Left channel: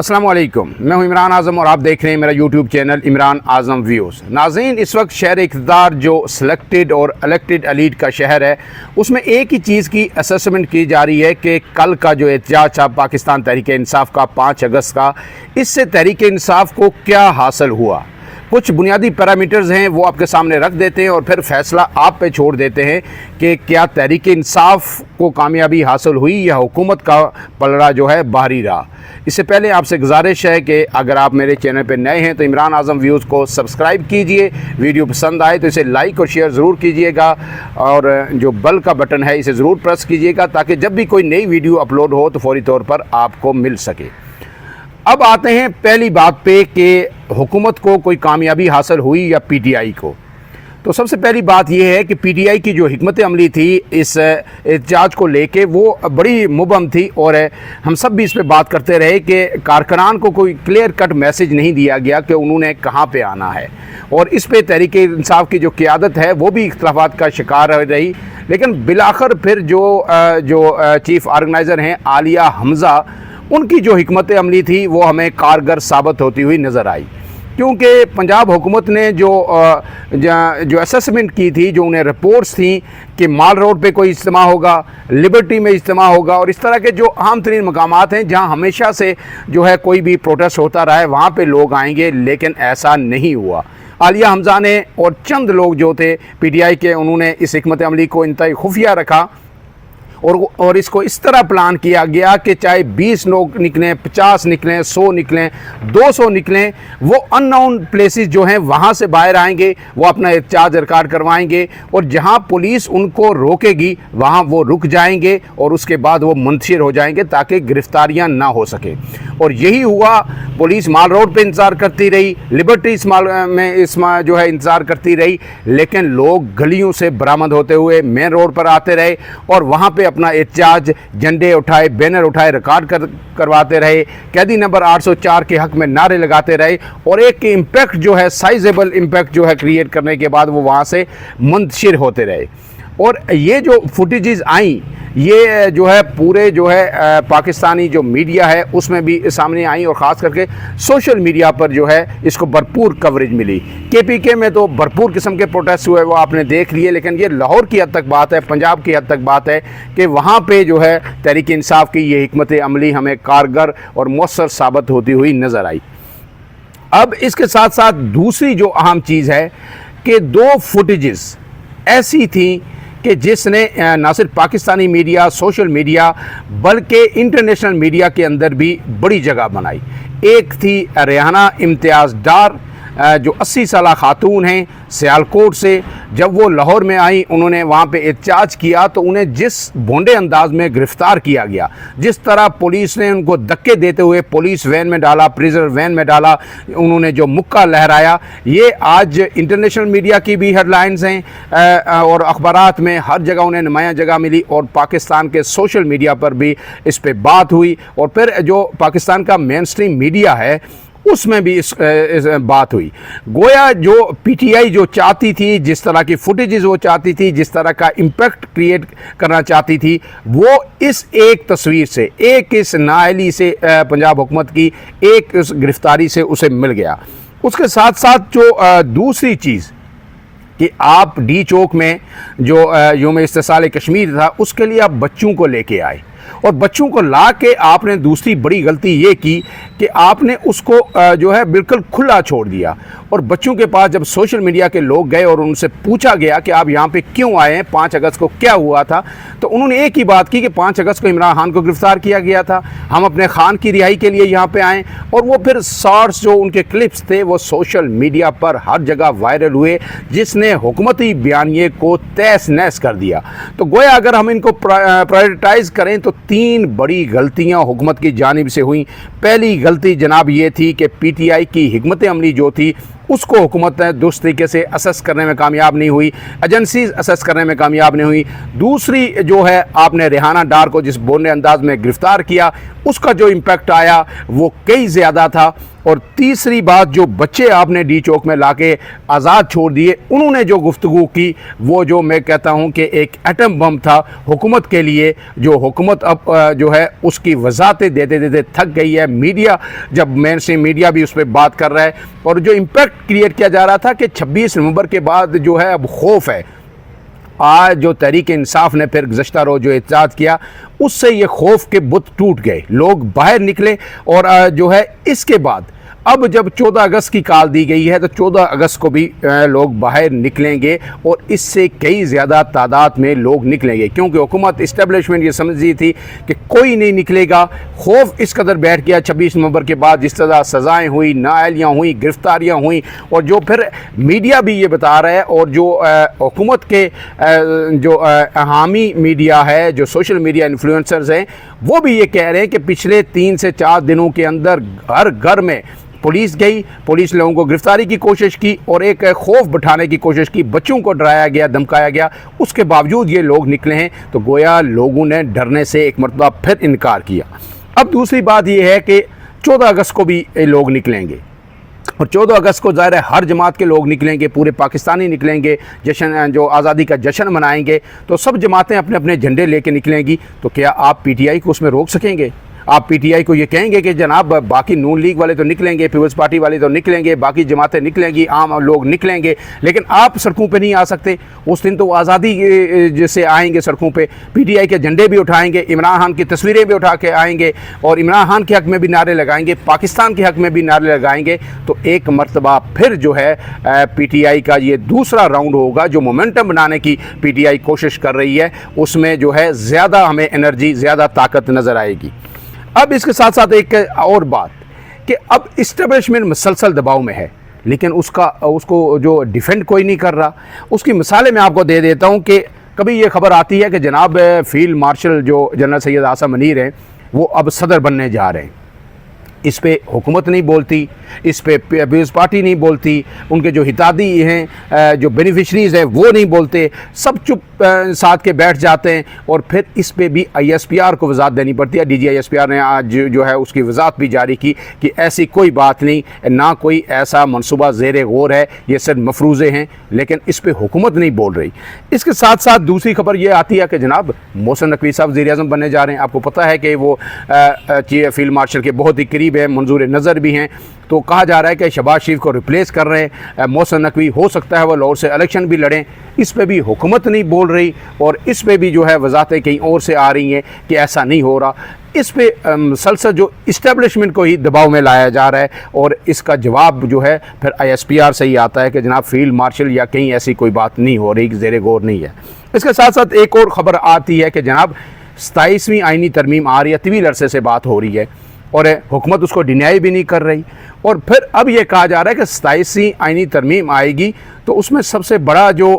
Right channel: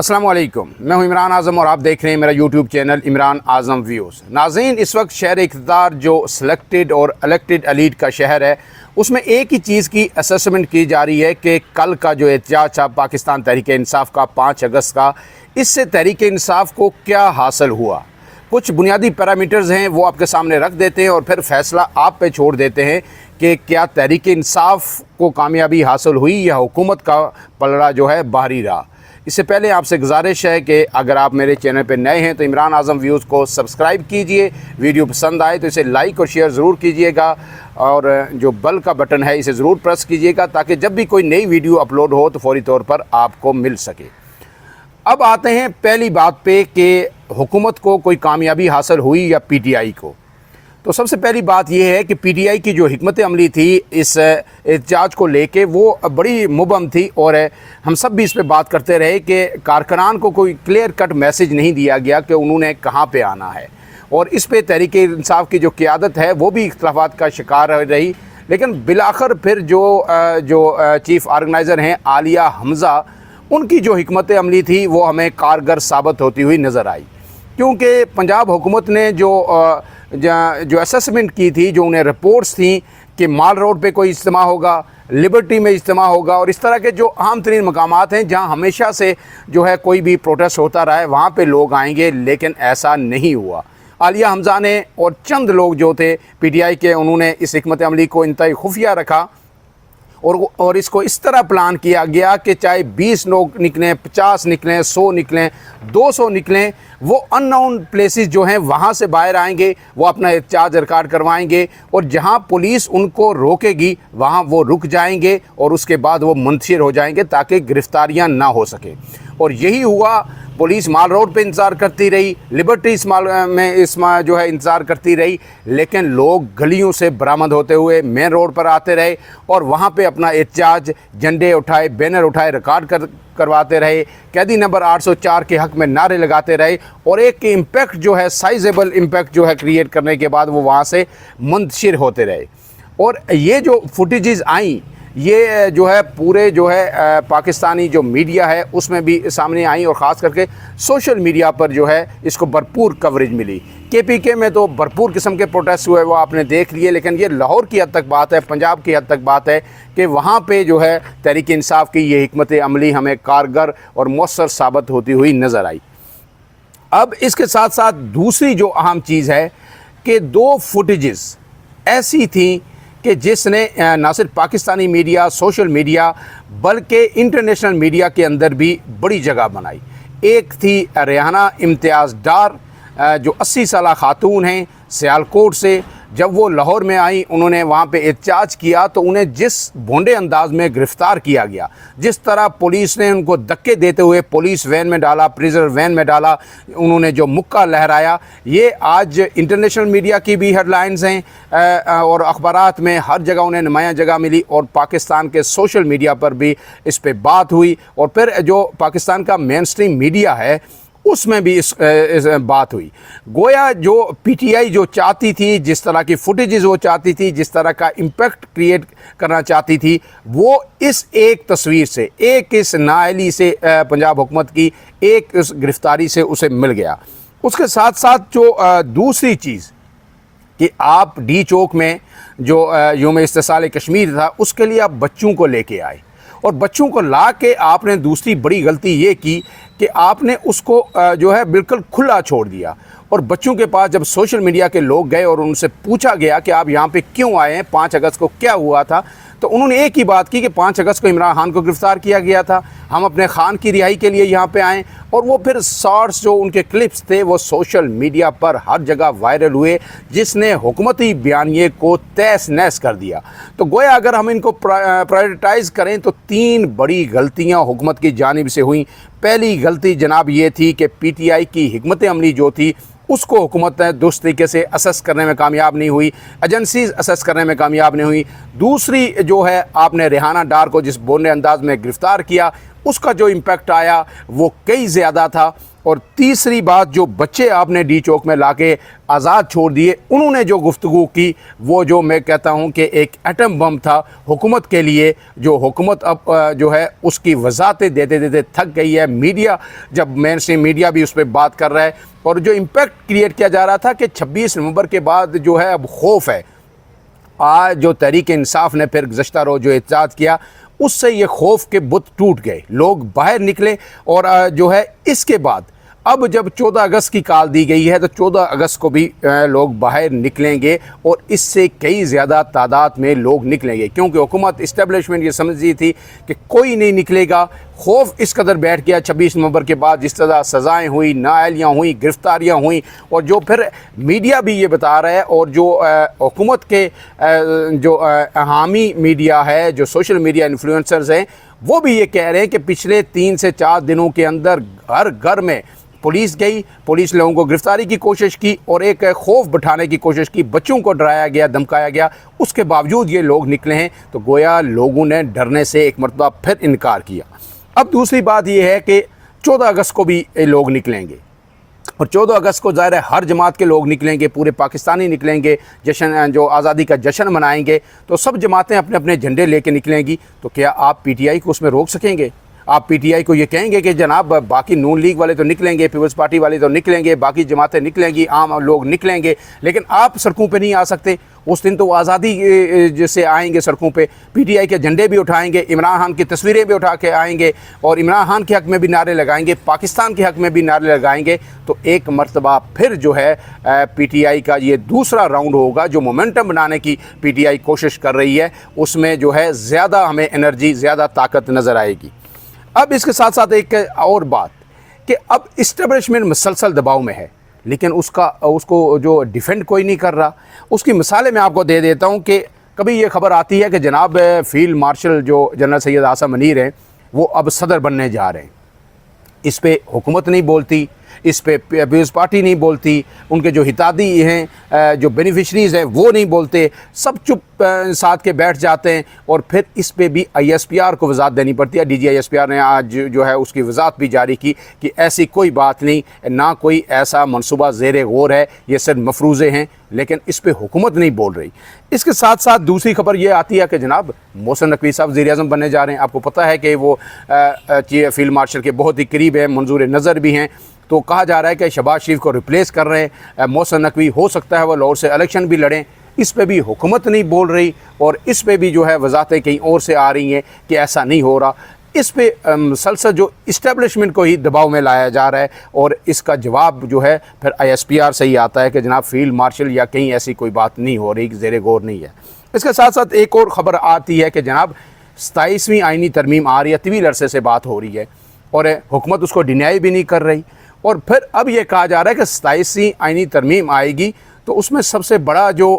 अस्सलाम वालेकुम, मैं हूं इमरान आज़म और आप देख रहे हैं मेरा यूट्यूब चैनल इमरान आज़म व्यूज़। नाज़रीन, इस वक्त शहर इक़्तिदार जो सिलेक्टेड और इलेक्टेड एलीट का शहर है, उसमें एक ही चीज़ की असेसमेंट की जा रही है कि कल का जो एहतजाज था पाकिस्तान तहरीक इंसाफ का 5 अगस्त का, इससे तहरीक इंसाफ को क्या हासिल हुआ। कुछ बुनियादी पैरामीटर्स हैं वो आपके सामने रख देते हैं और फिर फैसला आप पे छोड़ देते हैं कि क्या तहरीक इंसाफ को कामयाबी हासिल हुई या हुकूमत का पलड़ा जो है बाहरी रहा। इससे पहले आपसे गुजारिश है कि अगर आप मेरे चैनल पर नए हैं तो इमरान आज़म व्यूज़ को सब्सक्राइब कीजिए। वीडियो पसंद आए तो इसे लाइक और शेयर ज़रूर कीजिएगा और जो बेल का बटन है इसे ज़रूर प्रेस कीजिएगा ताकि जब भी कोई नई वीडियो अपलोड हो तो फौरी तौर पर आपको मिल सके। अब आते हैं पहली बात पे कि हुकूमत को कोई कामयाबी हासिल हुई या पीटीआई को। तो सबसे पहली बात यह है कि पीटीआई की जो हिकमत अमली थी इस एहतजाज को लेके वो बड़ी मुबहम थी और हम सब भी इस पर बात करते रहे कि कारकुनान को कोई क्लियर कट मैसेज नहीं दिया गया कि उन्होंने कहाँ पे आना है और इस पे तहरीक इंसाफ की जो क़यादत है वो भी इख्तलाफात का शिकार रही। लेकिन बिलाखिर फिर जो चीफ ऑर्गेनाइज़र हैं आलिया हमज़ा, उनकी जो हिकमत अमली थी वो हमें कारगर साबित होती हुई नज़र आई, क्योंकि पंजाब हुकूमत ने जो असेसमेंट की थी, जो उन्हें रिपोर्ट्स थी कि माल रोड पे कोई इज्तिमा होगा, लिबर्टी में इज्तिमा होगा और इस तरह के जो अहम तरीन मकामात हैं जहां हमेशा से जो है कोई भी प्रोटेस्ट होता रहा है वहाँ पे लोग आएंगे, लेकिन ऐसा नहीं हुआ। आलिया हमज़ा ने और चंद लोग जो थे पीटीआई के, उन्होंने इस हिकमत अमली को इंतहाई खुफिया रखा और इसको इस तरह प्लान किया गया कि चाहे 20 लोग निकलें, 50 निकलें, 100 निकलें, 200 निकलें, वो अननोन प्लेसेस जो हैं वहाँ से बाहर आएंगे, वो अपना एहतजाज रिकॉर्ड करवाएंगे और जहाँ पुलिस उनको रोकेगी वहाँ वो रुक जाएंगे और उसके बाद वो मुंतशिर हो जाएंगे ताकि गिरफ्तारियाँ ना हो सके। और यही हुआ। पुलिस माल रोड पे इंतज़ार करती रही, लिबर्टी में जो है इंतज़ार करती रही, लेकिन लोग गलियों से बरामद होते हुए मेन रोड पर आते रहे और वहाँ पे अपना एहतजाज, झंडे उठाए, बैनर उठाए, रिकॉर्ड करवाते रहे, कैदी नंबर 804 के हक़ में नारे लगाते रहे और एक इम्पैक्ट जो है, साइजेबल इम्पैक्ट जो है क्रिएट करने के बाद वो वहाँ से मुंतशिर होते रहे। और ये जो फुटेजेस आई, ये जो है पूरे जो है पाकिस्तानी जो मीडिया है उसमें भी सामने आई और ख़ास करके सोशल मीडिया पर जो है इसको भरपूर कवरेज मिली। केपीके में तो भरपूर किस्म के प्रोटेस्ट हुए, वो आपने देख लिए, लेकिन ये लाहौर की हद तक बात है, पंजाब की हद तक बात है कि वहाँ पे जो है तहरीक इंसाफ की ये हिकमत अमली हमें कारगर और मौसर साबित होती हुई नज़र आई। अब इसके साथ साथ दूसरी जो अहम चीज़ है कि 2 फुटेजेस ऐसी थी कि जिसने ना सिर्फ पाकिस्तानी मीडिया, सोशल मीडिया, बल्कि इंटरनेशनल मीडिया के अंदर भी बड़ी जगह बनाई। एक थी रेहाना इम्तियाज़ डार, जो 80 साल खातून हैं सियालकोट से। जब वो लाहौर में आई, उन्होंने वहाँ पे एहतजाज किया तो उन्हें जिस भोंडे अंदाज में गिरफ़्तार किया गया, जिस तरह पुलिस ने उनको धक्के देते हुए पुलिस वैन में डाला, प्रिजनर वैन में डाला, उन्होंने जो मुक्का लहराया, ये आज इंटरनेशनल मीडिया की भी हेडलाइंस हैं और अखबारात में हर जगह उन्हें नुमायाँ जगह मिली और पाकिस्तान के सोशल मीडिया पर भी इस पर बात हुई और फिर जो पाकिस्तान का मेन स्ट्रीम मीडिया है उसमें भी इस बात हुई। गोया जो पीटीआई जो चाहती थी, जिस तरह की फुटेजेस वो चाहती थी, जिस तरह का इम्पैक्ट क्रिएट करना चाहती थी, वो इस एक तस्वीर से, एक इस नाअहली से पंजाब हुकूमत की एक इस गिरफ्तारी से उसे मिल गया। उसके साथ साथ जो दूसरी चीज़ कि आप डी चौक में जो यौम इस्तिसाल कश्मीर था उसके लिए आप बच्चों को लेके आए और बच्चों को ला के आपने दूसरी बड़ी गलती ये की कि आपने उसको जो है बिल्कुल खुला छोड़ दिया और बच्चों के पास जब सोशल मीडिया के लोग गए और उनसे पूछा गया कि आप यहाँ पे क्यों आए हैं, 5 अगस्त को क्या हुआ था, तो उन्होंने एक ही बात की कि 5 अगस्त को इमरान खान को गिरफ्तार किया गया था, हम अपने खान की रिहाई के लिए यहाँ पे आए। और वो फिर शॉर्ट्स जो उनके क्लिप्स थे वो सोशल मीडिया पर हर जगह वायरल हुए, जिसने हुकूमती बयानिए को तहस नहस कर दिया। तो गोया अगर हम इनको प्रायोरिटाइज़ करें तो 3 बड़ी गलतियाँ हुकूमत की जानिब से हुई। पहली गलती जनाब ये थी कि पीटीआई की हिकमत अमली जो थी उसको हुकूमत ने दुरुस्त तरीके से असेस करने में कामयाब नहीं हुई, एजेंसीज असेस करने में कामयाब नहीं हुई। दूसरी जो है, आपने रेहाना डार को जिस बोलने अंदाज में गिरफ्तार किया उसका जो इम्पैक्ट आया वो कई ज़्यादा था और तीसरी बात, जो बच्चे आपने डी चौक में लाके आज़ाद छोड़ दिए, उन्होंने जो गुफ्तगू की वो जो मैं कहता हूँ कि एक एटम बम था हुकूमत के लिए, जो हुकूमत अब जो है उसकी वजाहतें देते देते थक गई है। मीडिया, जब मेन स्ट्रीम मीडिया भी उस पर बात कर रहा है, और जो इम्पैक्ट क्रिएट किया जा रहा था कि 26 नवंबर के बाद जो है अब खौफ है। आज जो तहरीक इंसाफ ने फिर गुज़श्ता रोज़ जो एहतजाज किया, उससे ये खौफ के बुत टूट गए, लोग बाहर निकले। और जो है इसके बाद अब जब 14 अगस्त की कॉल दी गई है तो 14 अगस्त को भी लोग बाहर निकलेंगे, और इससे कई ज़्यादा तादाद में लोग निकलेंगे, क्योंकि हुकूमत इस्टेब्लिशमेंट ये समझ रही थी कि कोई नहीं निकलेगा। खौफ इस कदर बैठ गया 26 नवंबर के बाद, जिस तरह सज़ाएँ हुई, नाअहलियाँ हुई, गिरफ्तारियाँ हुई, और जो फिर मीडिया भी ये बता रहा है, और जो हुकूमत के जो हामी मीडिया है, जो सोशल मीडिया इन्फ्लुएंसर्स हैं, वो भी ये कह रहे हैं कि पिछले 3 से 4 दिनों के अंदर घर घर में पुलिस गई, पुलिस लोगों को गिरफ्तारी की कोशिश की और एक खौफ बिठाने की कोशिश की, बच्चों को डराया गया, धमकाया गया, उसके बावजूद ये लोग निकले हैं। तो गोया लोगों ने डरने से एक मरतबा फिर इनकार किया। अब दूसरी बात ये है कि 14 अगस्त को भी लोग निकलेंगे, और 14 अगस्त को ज़ाहिर है हर जमात के लोग निकलेंगे, पूरे पाकिस्तानी निकलेंगे, जश्न जो आज़ादी का जश्न मनाएंगे। तो सब जमातें अपने अपने झंडे लेके निकलेंगी। तो क्या आप पीटीआई को उसमें रोक सकेंगे? आप पीटीआई को ये कहेंगे कि जनाब बाकी नून लीग वाले तो निकलेंगे, पीपल्स पार्टी वाले तो निकलेंगे, बाकी जमातें निकलेंगी, आम लोग निकलेंगे, लेकिन आप सड़कों पे नहीं आ सकते? उस दिन तो आज़ादी जैसे आएंगे सड़कों पे, पीटीआई के झंडे भी उठाएंगे, इमरान खान की तस्वीरें भी उठा के आएंगे, और इमरान खान के हक़ में भी नारे लगाएंगे, पाकिस्तान के हक़ में भी नारे लगाएंगे। तो एक मरतबा फिर जो है पीटीआई का ये दूसरा राउंड होगा, जो मोमेंटम बनाने की पीटीआई कोशिश कर रही है, उसमें जो है ज़्यादा हमें एनर्जी, ज़्यादा ताकत नज़र आएगी। अब इसके साथ साथ एक और बात कि अब इस्टेब्लिशमेंट मुसलसल दबाव में है, लेकिन उसको जो डिफेंड कोई नहीं कर रहा। उसकी मिसालें मैं आपको दे देता हूँ कि कभी ये खबर आती है कि जनाब फील्ड मार्शल जो जनरल सैयद आसिम मुनीर हैं, वो अब सदर बनने जा रहे हैं। इस पे हुकूमत नहीं बोलती, इस पे पीपल्स पार्टी नहीं बोलती, उनके जो हितादी हैं, जो बेनिफिशरीज़ हैं, वो नहीं बोलते, सब चुप साथ के बैठ जाते हैं। और फिर इस पे भी ISPR को वजाहत देनी पड़ती है। DG ISPR ने आज जो है उसकी वजाहत भी जारी की कि ऐसी कोई बात नहीं, ना कोई ऐसा मनसूबा ज़ेर गौर है, ये सिर्फ मफरूज़े हैं, लेकिन इस पे हुकूमत नहीं बोल रही। इसके साथ साथ दूसरी खबर ये आती है कि जनाब मोहसिन नकवी साहब वज़ीर-ए-आज़म बनने जा रहे हैं। आपको पता है कि वो फील्ड मार्शल के बहुत ही करीब है, मंजूर नज़र भी हैं। तो कहा जा रहा है कि शहबाज शरीफ को रिप्लेस कर रहे हैं मोहसिन नकवी, हो सकता है वह लाहौर से इलेक्शन भी लड़ें। इस पे भी हुकूमत नहीं बोल रही, और इस पे भी जो है वजाहतें कहीं और से आ रही हैं कि ऐसा नहीं हो रहा। इस पे मुसलसल जो इस्टेब्लिशमेंट को ही दबाव में लाया जा रहा है, और इसका जवाब जो है फिर ISPR से ही आता है कि जनाब फील्ड मार्शल या कहीं ऐसी कोई बात नहीं हो रही, ज़ेर गौर नहीं है। इसके साथ साथ एक और ख़बर आती है कि जनाब 27वीं आइनी तरमीम आ रही है, तवील अरसे से बात हो रही है, और हुकूमत उसको डिनाई भी नहीं कर रही। और फिर अब ये कहा जा रहा है कि 27वीं आइनी तरमीम आएगी तो उसमें सबसे बड़ा जो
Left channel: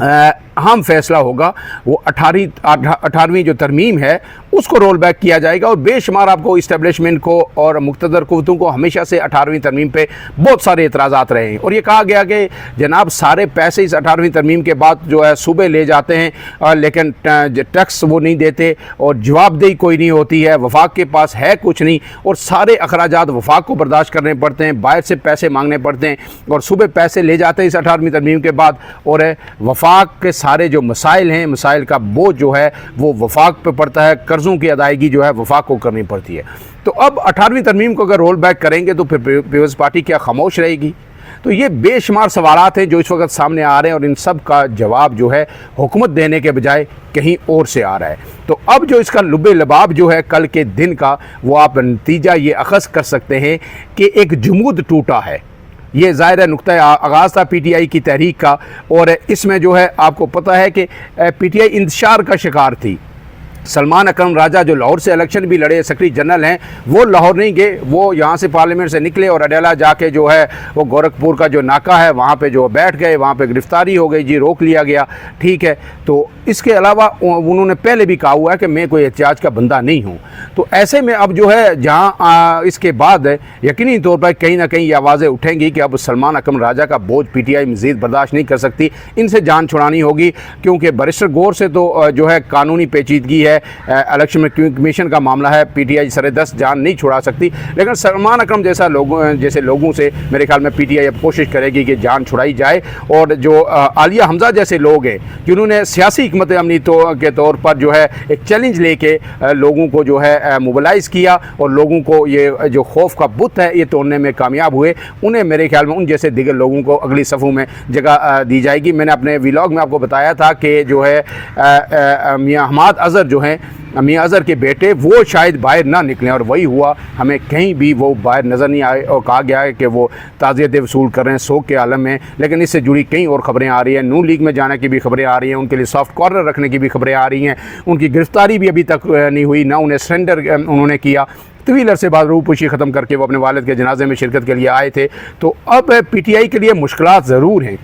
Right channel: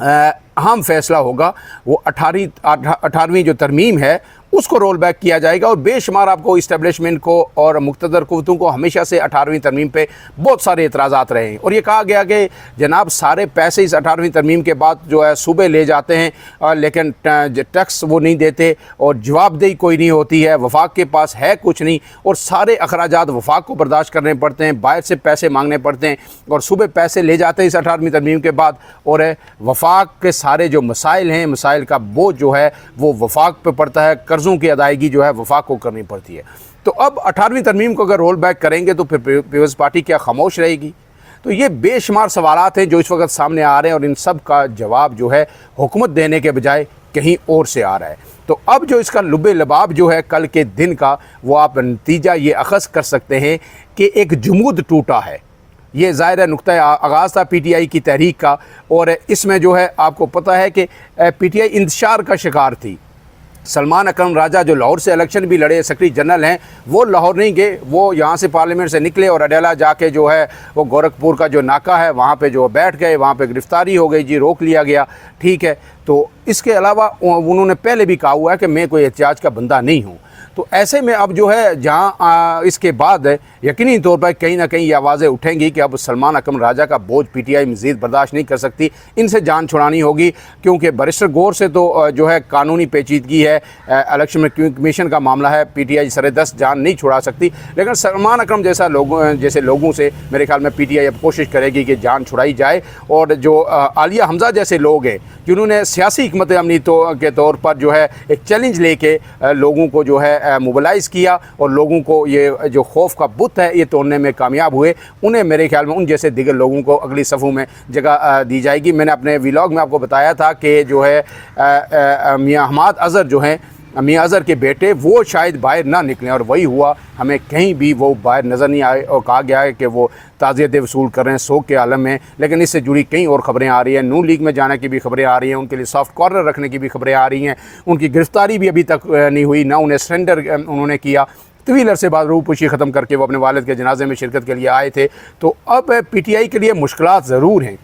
अहम फैसला होगा वो 18वीं जो तरमीम है उसको रोल बैक किया जाएगा। और बेशुमार आपको इस्टेब्लिशमेंट को और मुक़्तदर कुव्वतों को हमेशा से 18वीं तरमीम पे बहुत सारे एतराज़ात रहे हैं, और ये कहा गया कि जनाब सारे पैसे इस 18वीं तरमीम के बाद जो है सूबे ले जाते हैं, लेकिन टैक्स वो नहीं देते, और जवाबदेही कोई नहीं होती है, वफाक के पास है कुछ नहीं, और सारे अखराजात वफाक को बर्दाश्त करने पड़ते हैं, बाहर से पैसे मांगने पड़ते हैं, और सूबे पैसे ले जाते हैं इस 18वीं तरमीम के बाद, और वफाक के सारे जो मसाइल हैं, मसाइल का बोझ जो है वो वफाक पे पड़ता है, कर्ज़ों की अदायगी जो है वफाक को करनी पड़ती है। तो अब 18वीं तरमीम को अगर रोल बैक करेंगे तो फिर पीपल्स पार्टी क्या खामोश रहेगी? तो ये बेशुमार सवालात हैं जो इस वक्त सामने आ रहे हैं, और इन सब का जवाब जो है हुकूमत देने के बजाय कहीं और से आ रहा है। तो अब जो इसका लुबे लबाब जो है कल के दिन का, वो आप नतीजा ये अखज़ कर सकते हैं कि एक जुमूद टूटा है। ये ज़ाहिर नुक्ता आगाज़ था PTI की तहरीक का, और इसमें जो है आपको पता है कि PTI इंतशार का शिकार थी। सलमान अकरम राजा जो लाहौर से इलेक्शन भी लड़े, सेक्रेटरी जनरल हैं, वो लाहौर नहीं गए, वो यहाँ से पार्लियामेंट से निकले और अडेला जाके जो है वो गोरखपुर का जो नाका है वहाँ पे जो बैठ गए, वहाँ पे गिरफ्तारी हो गई जी, रोक लिया गया, ठीक है। तो इसके अलावा उन्होंने पहले भी कहा हुआ है कि मैं कोई एहतियाज का बंदा नहीं हूँ। तो ऐसे में अब जो है जहाँ इसके बाद यकीनी तौर पर कहीं ना कहीं ये आवाज़ें उठेंगी कि अब सलमान अकरम राजा का बोझ पीटीआई मज़ीद बर्दाश्त नहीं कर सकती, इनसे जान छुड़ानी होगी। क्योंकि बैरिस्टर गौर से तो जो है कानूनी पेचीदगी है, इलेक्शन कमीशन का मामला है, पीटीआई सर-ए-दस्त जान नहीं छुड़ा सकती। लेकिन सलमान अकरम जैसे लोगों से मेरे ख्याल में पीटीआई अब कोशिश करेगी कि जान छुड़ाई जाए। और जो आलिया हमजा जैसे लोग हैं जिन्होंने सियासी हिकमत अमली के तौर पर जो है एक चैलेंज लेके लोगों को जो है मोबिलाइज़ किया और लोगों को ये जो खौफ का बुत है ये तोड़ने में कामयाब हुए, उन्हें मेरे ख्याल में उन जैसे दिगर लोगों को अगली सफ़ों में जगह दी जाएगी। मैंने अपने व्लॉग में आपको बताया था कि जो है मियां हमाद अज़हर जो हैं, मियां अज़हर के बेटे, वो शायद बाहर ना निकलें और वही हुआ। हमें कहीं भी वो बाहर नज़र नहीं आए और कहा गया है कि वो ताज़ियतें वसूल कर रहे हैं शोक के आलम में। लेकिन इससे जुड़ी कई और ख़बरें आ रही हैं, नून लीग में जाने की भी खबरें आ रही हैं, उनके लिए सॉफ्ट कॉर्नर रखने की भी खबरें आ रही हैं। उनकी गिरफ्तारी भी अभी तक नहीं हुई, ना उन्हें सरेंडर उन्होंने किया। तवील अरसे बाद रूपुशी ख़त्म करके वो अपने वालिद के जनाजे में शिरकत के लिए आए थे। तो अब पीटीआई के लिए मुश्किलात ज़रूर हैं,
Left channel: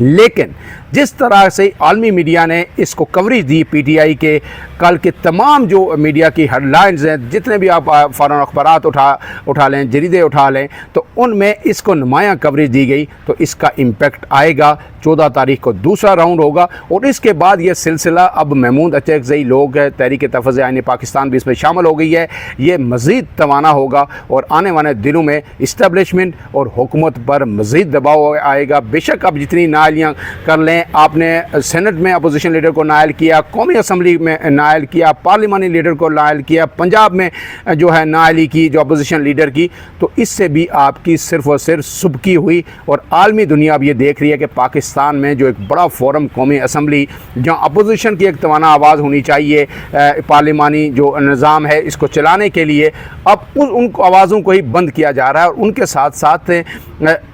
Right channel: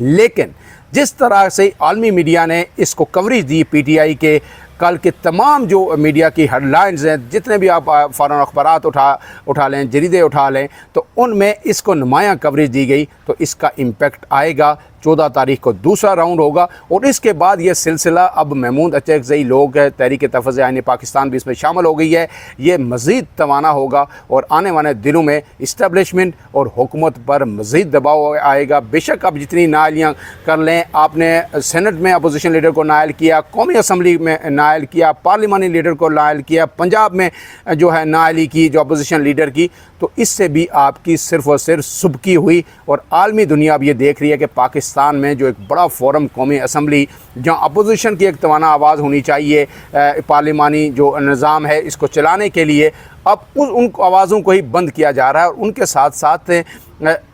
लेकिन जिस तरह से आलमी मीडिया ने इसको कवरेज दी, पीटीआई के कल के तमाम जो मीडिया की हेडलाइंस हैं, जितने भी आप फ़ौरन अखबारात उठा लें, जरीदे उठा लें, तो उनमें इसको नुमायाँ कवरेज दी गई। तो इसका इम्पेक्ट आएगा। 14 तारीख को दूसरा राउंड होगा और इसके बाद ये सिलसिला अब महमूद अचकज़ई लोग तहरीक तहफ़्फ़ुज़ आईन पाकिस्तान भी इसमें शामिल हो गई है, ये मज़ीद तवाना होगा और आने वाले दिनों में इस्टेब्लिशमेंट और हुकूमत पर मज़ीद दबाव आएगा। बेशक आप जितनी नाअहलियाँ कर लें, आपने सेनेट में अपोजिशन लीडर को नाअहल किया, कौमी असम्बली में नाअहल किया, पार्लिमानी लीडर को नाअहल किया, पंजाब में जो है नाअहली की जो अपोजिशन लीडर की, तो इससे भी आपकी सिर्फ और सिर्फ सुबकी हुई। और आलमी दुनिया अब ये देख रही है कि पाकिस्तान में जो एक बड़ा फोरम कौमी असम्बली, जहाँ अपोजिशन की एक तवाना आवाज़ होनी चाहिए, पार्लिमानी जो निज़ाम है इसको चलाने के लिए, अब उन आवाज़ों को ही बंद किया जा रहा है। और उनके साथ साथ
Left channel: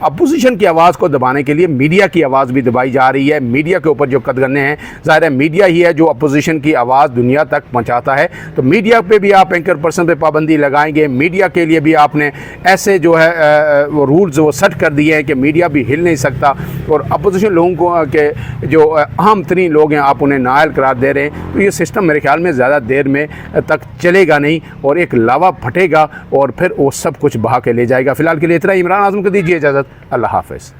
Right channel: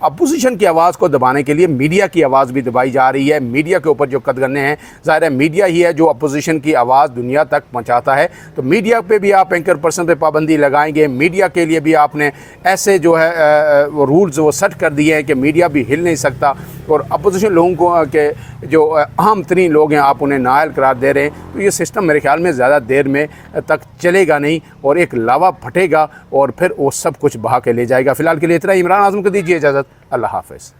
अपोजिशन की आवाज़ को दबाने के लिए मीडिया की आवाज़ भी दबाई जा रही है। मीडिया के ऊपर जो कदगने हैं, ज़ाहिर है मीडिया ही है जो अपोजिशन की आवाज़ दुनिया तक पहुंचाता है। तो मीडिया पे भी आप एंकर पर्सन पे पाबंदी लगाएंगे, मीडिया के लिए भी आपने ऐसे जो है वो रूल्स वो सेट कर दिए हैं कि मीडिया भी हिल नहीं सकता। और अपोजिशन लोगों को के जो अहम तरीन लोग हैं आप उन्हें नाअहल करार दे रहे हैं। तो ये सिस्टम मेरे ख्याल में ज़्यादा देर में तक चलेगा नहीं और एक लावा फटेगा और फिर वो सब कुछ बहा के ले जाएगा। फ़िलहाल के लिए इतना ही। इमरान आज़म को दीजिए इजाज़त। अल्लाह हाफ़िज़।